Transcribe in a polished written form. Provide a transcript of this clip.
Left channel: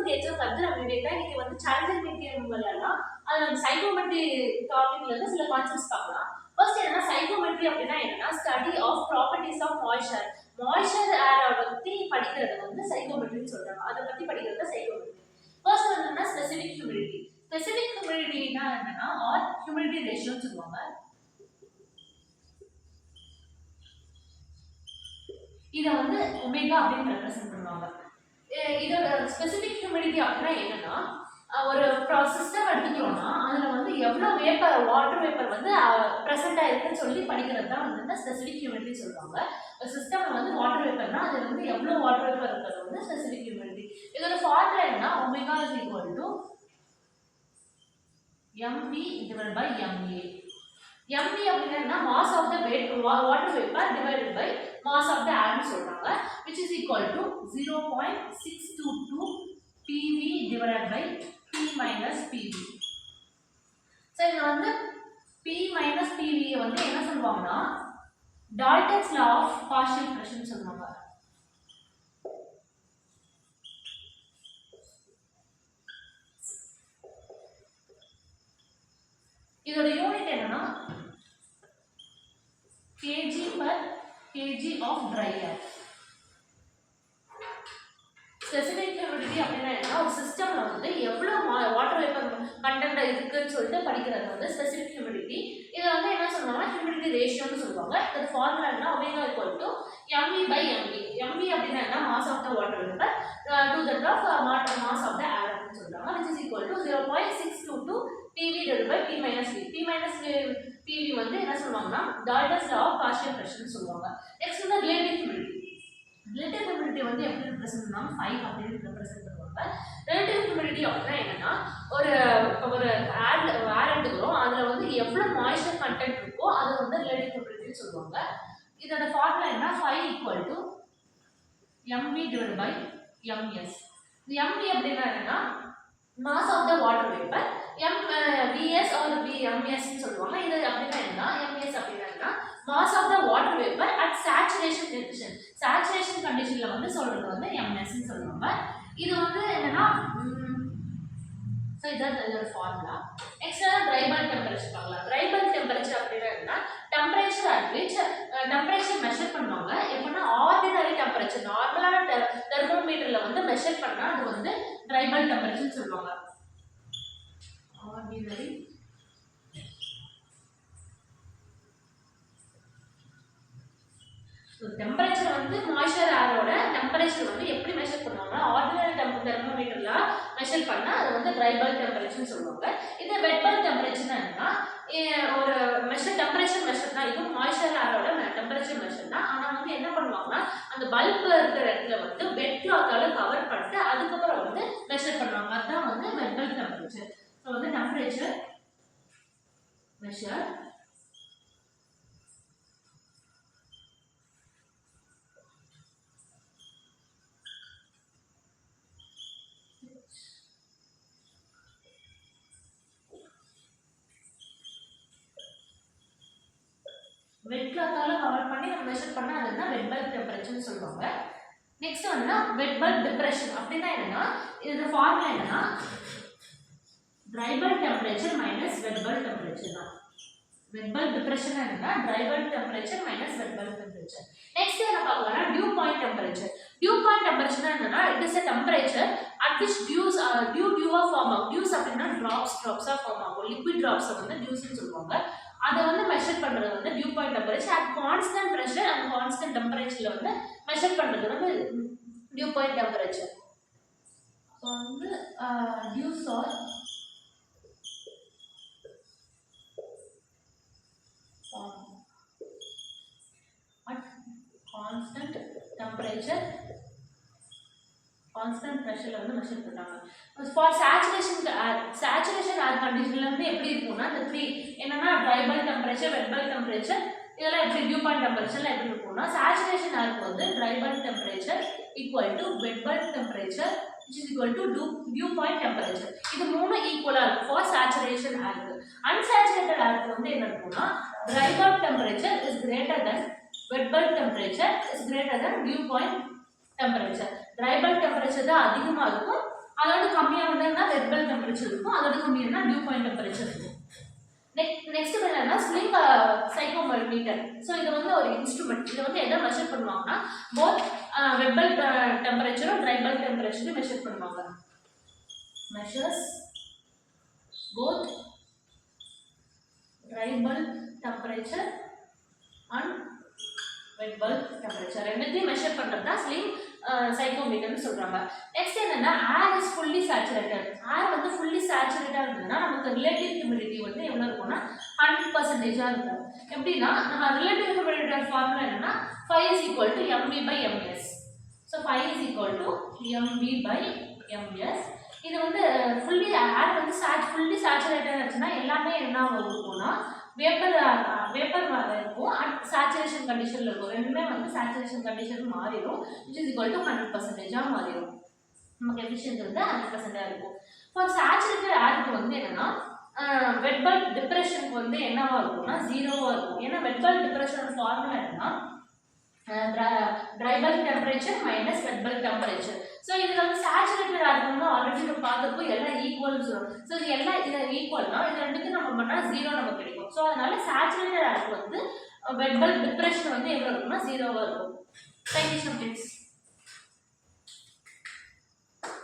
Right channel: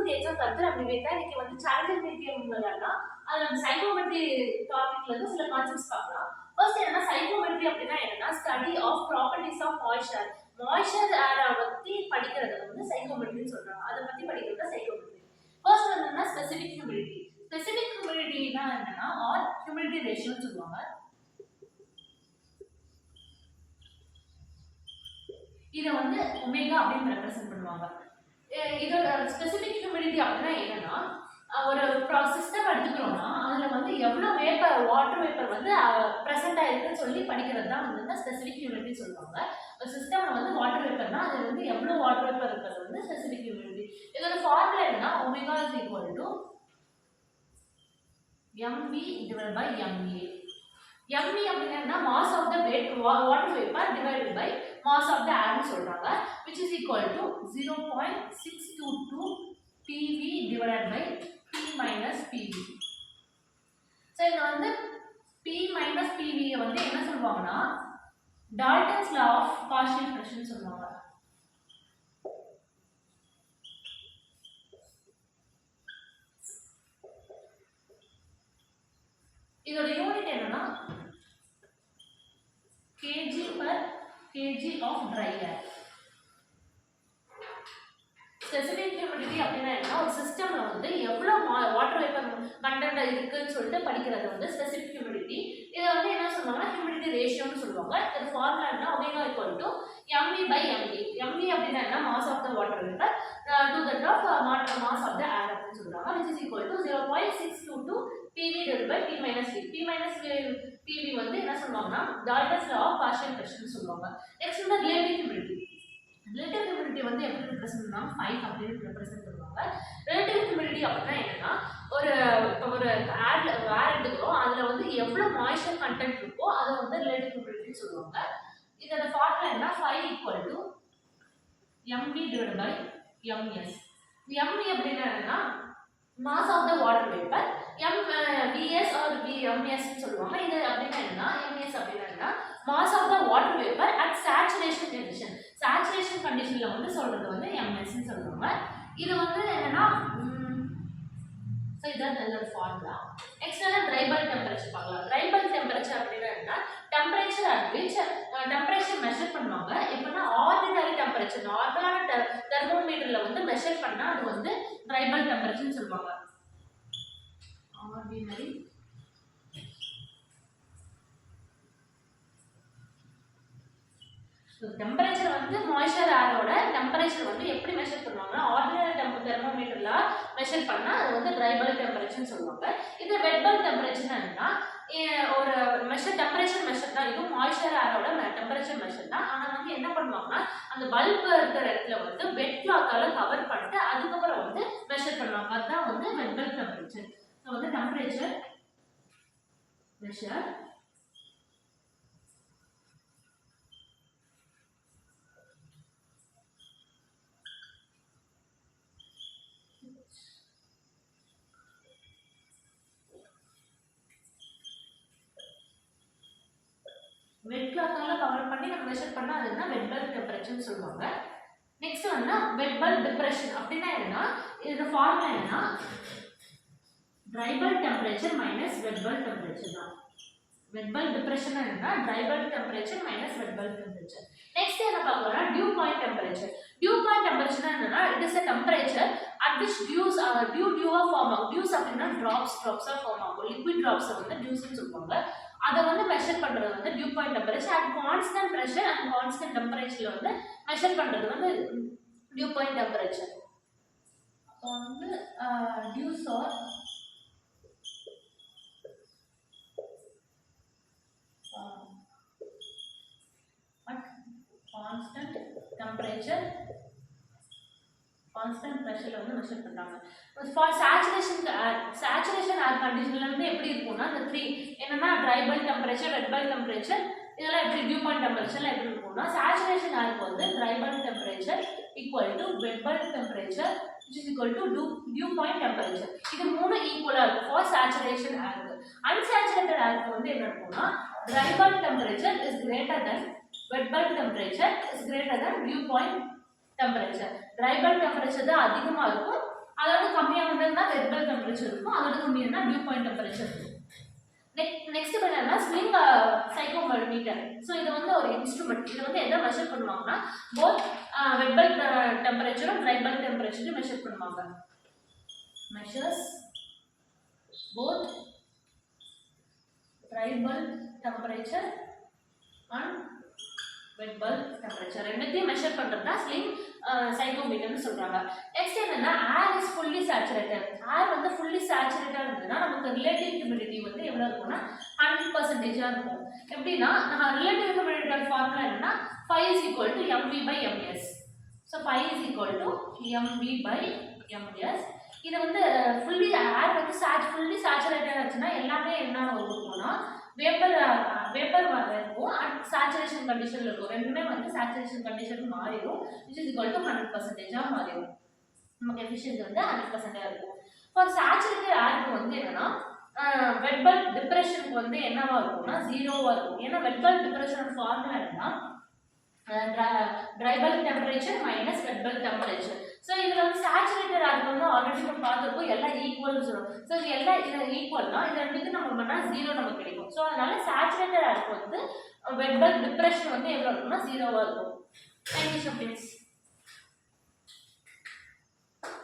Welcome to the exam கருத்து நம்ம விவேகா இன்னைக்கு வந்து சேலஞ்சர் மெட்டீரியல் விளையாடலாம். அது நம்ம சைக்கோமெட்ரி டாபிக்ல இருந்து சில கான்செப்ட்ஸ் பார்க்கலாம். ஃபர்ஸ்ட் என்னன்னா சைக்கோமெட்ரி அப்படின்னா என்னன்னா study of properties of moisture. Moisture ஏரை பத்தி படிக்கிறது வந்து சைக்கோமெட்ரின்னு சொல்றாங்க. அதை பத்தி படிக்கிறது தான் சைக்கோமெட்ரி. ஃபர்ஸ்ட் என்னன்னா ஸ்பெசிபிக் ஹியூமிடிட்டி. ஸ்பெசிபிக் ஹியூமிடிட்டினா என்னன்னா ஆர் ஹியூமிடிட்டி ரேஷியோன்னு சொல்லுவாங்க. இதை வந்து ஒமேகா அப்படின்னு ரெப்ரசென்ட் பண்ணுவாங்க. இதோட ஸ்பெசிபிக் ஹியூமிடிட்டி அப்படின்னா என்னன்னா ஒரு சிஸ்டம் எடுத்துக்கிறோம்னா அதில் வந்து எவ்வளோ வேப்பர் வாட்டர் வேப்பர் வந்து ப்ரெசென்ட் ஆயிருக்குன்னு சொல்லி படிக்கிறது தான் வந்து ஸ்பெசிபிக் ஹியூமிடிட்டி சொல்லுவாங்க. ஒரு சிஸ்டமில் வந்து வாட்டர் வேப்பர்னா அதில் வந்து எவ்வளோ வாட்டர் வேப்பர் இருக்கிறது வந்து ஸ்பெசிபிக் ஹியூமிடிட்டி. இதோட ஃபார்முலா என்ன omega is equal to mv divided by ma. mv அப்படின்னா mass of the water vapour divided by mass of the air சொல்றாங்க, which is equal to 0.622 pv divided by p minus pv. so இங்க வந்து p minus pv வந்து என்ன சொல்வாங்கன்னா Dalton's law of partial pressure சொல்வாங்க. இதோட unit என்னன்னா kg per kg of dry air. Specific humidity அப்படின்னா என்ன ஒரு சிஸ்டம்ல வந்து எவ்வளோ வாட்டர் வேப்பர் கண்டென்ட் இருக்குன்னு சொல்லிட்டு படிக்கிறது வந்து ஸ்பெசிபிக் ஹியூமிடிட்டி. இதை வந்து என்ன சொல்லுவாங்கன்னா ஹியூமிடிட்டி ரேஷியோன்னு சொல்லுவாங்க. இதோட ஃபார்முலா என்ன omega equal to mv by mv. mv அப்படின்னா என்ன mass of the water vapour to the drop mass of the air அப்படின்னு சொல்றாங்க, which is equal to 0.622 pv divided by p minus v. p minus pv வந்து என்ன சொல்லுவாங்கன்னா Dalton's law of partial pressure சொல்லுவாங்க. Next வந்து relative humidity. Relative humidity வந்து எப்படி represent பண்ணுவாங்க 5 அப்படின்னு ரெப்ரசென்ட் பண்ணுவாங்க. ரிலேட்டிவ் ஹியூமிடிட்டி அப்படின்னா என்னன்னா ஒரு ஏர் எடுத்துக்கிறோம் அதில் வந்து எவ்வளோ மாய்ஸ்சர் கண்டென்ட் இருக்கோ அதை வந்து ரிலேட்டிவ் ஹியூமிடிட்டின்னு சொல்லுவாங்க. இதோட ஃபார்முலா என்ன 5 equal to mv divided by ms. mv அப்படின்னா என்னன்னா mass of the water vapour vs or ms ன்னு சொல்லுவாங்க. இது அப்படின்னா என்ன ms அப்படின்னா என்ன mass of the water vapour at saturation condition. Saturation கண்டிஷன்ல வந்து சொல்றது வந்து ms ன்னு சொல்லுவாங்க. இது வந்து என்னன்னா இதான் இதோட ஃபார்முலா. நெக்ஸ்ட் என்ன ட்ரை பல்ப் டெம்பரேச்சர் பார்க்கலாம். ட்ரை பல்ப் டெம்பரேச்சர் அப்படின்னா என்ன temperature at which temperature measure பண்ணுவாங்க. எப்படின்னா ஆர்டினரி டெம்பரேச்சர் நார்மலான தெர்மோமீட்டர்ல வந்து மெஷர் பண்ணா அது வந்து ட்ரை பல்ப் டெம்பரேச்சர்னு சொல்லுவாங்க. ஆர்டினரி டெம்பரேச்சர் வந்து மாய்ஸ்சர் ஏரோட டெம்பரேச்சர் வந்து எப்படி மெஷர் பண்ணுவாங்கன்னா ஆர்டினரி தெர்மோமீட்டர்ல மெஷர் பண்ணா அது வந்து ட்ரை பல்ப் டெம்பரேச்சர்னு சொல்லுவாங்க. இது வெட் பல்ப் டெம்பரேச்சர் என்னன்னா ஒரு டெம்பரேச்சர் மெஷர் தான், இதுவும் மாய்ஸ்சர் ஏரோட டெம்பரேச்சர் மெஷர் தான். ஆனால் வந்து என்ன பண்ணுவாங்கன்னா அந்த பல்ப் இருக்கிற இடத்துல வந்து வெட் கிளாத்தால கவர் பண்ணிட்டு அதுக்கப்புறம் வந்து மெஷர் பண்ணுவாங்க. அதுதான் வந்து வெட் பல்ப் டெம்பரேச்சர். ஸோ வந்து டெம்பரேச்சர் மெஷர் வெட் கிளாத்தால கவர் பண்ணி நம்ம மெஷர் பண்ணா அதுதான் வெட் பல்ப் டெம்பரேச்சர்னு சொல்லுவாங்க. நெக்ஸ்ட் வந்து வெட் பல்ப் டிப்ரெஷன் அப்படின்னா என்னன்னா இதோட ஃபார்முலா என்னன்னா dry bulb temperature minus wet bulb temperature தான். வெட் பல்ப் டிப்ரெஷன் என்னன்னா dry bulb temperature minus wet bulb temperature. Next என்ன பார்க்கலாம்னா dew point temperature. Dew point temperature என்னன்னா it is a temperature at which டியூவா form ஆகும். Dews அப்படின்னா டிராப்ஸா form ஆகும். லிக்விட் டிராப்ஸ் வந்து டியூஸ்னு சொல்லுவாங்க. அதை வந்து மெஷர் பண்றது வந்து dew point temperature at constant pressure and constant டெம்பரேச்சர்ல வந்து மெஷர் பண்றது வந்து டியூ பாயிண்ட் டெம்பரேச்சர். அப்போ வந்து dews are at constant temperature constant பிரஷர்ல வந்து மெஷர் பண்றாங்க. ஃபார் சேச்சுரேஷன் ஏர் கண்டிஷன்ல வந்து எப்படி இருக்கும்னா இந்த 3 என்னன்னா ட்ரை பல்ப் டெம்பரேச்சர் வெட் பல்ப் டெம்பரேச்சர் இதெல்லாம் எப்படி டியூ பாயிண்ட் டெம்பரேச்சர்ல எப்படி இருக்கும்னா சேச்சுரேஷன் ஏருக்கு வந்து dry bulb temperature equal to wet bulb temperature which is equal to dew point temperature. இது மூணு ஈக்குவலா இருக்கும் ஃபார் சேச்சுரேஷன் ஏருக்கு. அன்சேச்சுரேட்டட் ஏருக்கு வந்து என்ன இருக்கும்னா dry bulb temperature is greater than wet bulb temperature is greater than dew point temperature. Dry bulb temperature தான் அதிகமாக இருக்கும், அதோட ஹையர்னா வெட் பல்ப் டெம்பரேச்சர் இருக்கும், அதோட கம்மியானா டியூ பாயிண்ட் டெம்பரேச்சர் இருக்கும். நெக்ஸ்ட் என்னன்னா ஸ்லிங் சைக்கோமீட்டர். ஸோ இது வந்து ஒரு இன்ஸ்ட்ருமெண்ட். இதை வந்து எதை மெஷர் பண்ணுவாங்கன்னா போத் வெட் பல்ப் டெம்பரேச்சரும் ட்ரை பல்ப் டெம்பரேச்சரையும் மெஷர் பண்ணுவாங்க. Measures both dry bulb temperature and wet bulb temperature ரெண்டுத்தையும் மெஷர் பண்ணுறது தான் ஸ்லிங் சைக்கோமீட்டர்னு சொல்கிறாங்க. நெக்ஸ்ட் என்னென்னா air is fully saturated. Air வந்து ஃபுல்லி சேச்சுரேட்டாக இருந்ததுன்னா நமக்கு ரிலேட்டிவ் ஹியூமிடிட்டி வந்து எவ்வளோ இருக்கும்னா 100% இருக்கும். எப்படின்னா நம்ம ரிலேட்டிவ் ஹியூமிடிட்டியோட ஃபார்முலா என்னன்னா 5 is equal to mv/ms. So 5 is equal to mv/ms. இது வந்து ஃபுல்லி ஏர் வந்து ஃபுல்லி சேச்சுரேட்டடாக இருந்துச்சுன்னா எல்லாமே என்ன இருக்கும்னா வேப்பர் இருக்கும் அண்ட் சேச்சுரேஷன் கண்டிஷனில் இருக்கும். ரெண்டுமே வந்து சேச்சுரேஷன் கண்டிஷன் மாறிடும், which is equal to 100%ஆக மாறிடும். நமக்கு எஃபிஷியன்சி வந்து 100% இருக்கும். ஃபார் சேச்சுரேட்டட் ஏருக்கு வந்து என்னன்னா வெட் பல்ப் டிப்ரெஷனுக்கு வந்து என்னவா இருக்கும்னா 0வா இருக்கும். ஏன்னா வெட் பல்ப் டிப்ரெஷனோட ஃபார்முலா என்னன்னா dry bulb temperature minus wet bulb temperature. So இதில் வந்து சேச்சுரேட்டட் ஏருக்கு வந்து ஆல்ரெடி நம்ம பார்த்துருக்கோம் எல்லாம் ஈக்குவல்னு சொல்லுவோம். ஸோ இது எல்லாம் இதில் ஈக்குவல்னா இதை ரெண்டுக்கு நம்ம பண்ணால் 0 நமக்கு கிடைக்கும். ஸோ அதனால சேச்சுரேட்டட் ஏருக்கு வந்து வெட் பல்ப் டிப்ரெஷன் வந்து எவ்வளோ இருக்கும்னா 0வா இருக்கும். Thank you students.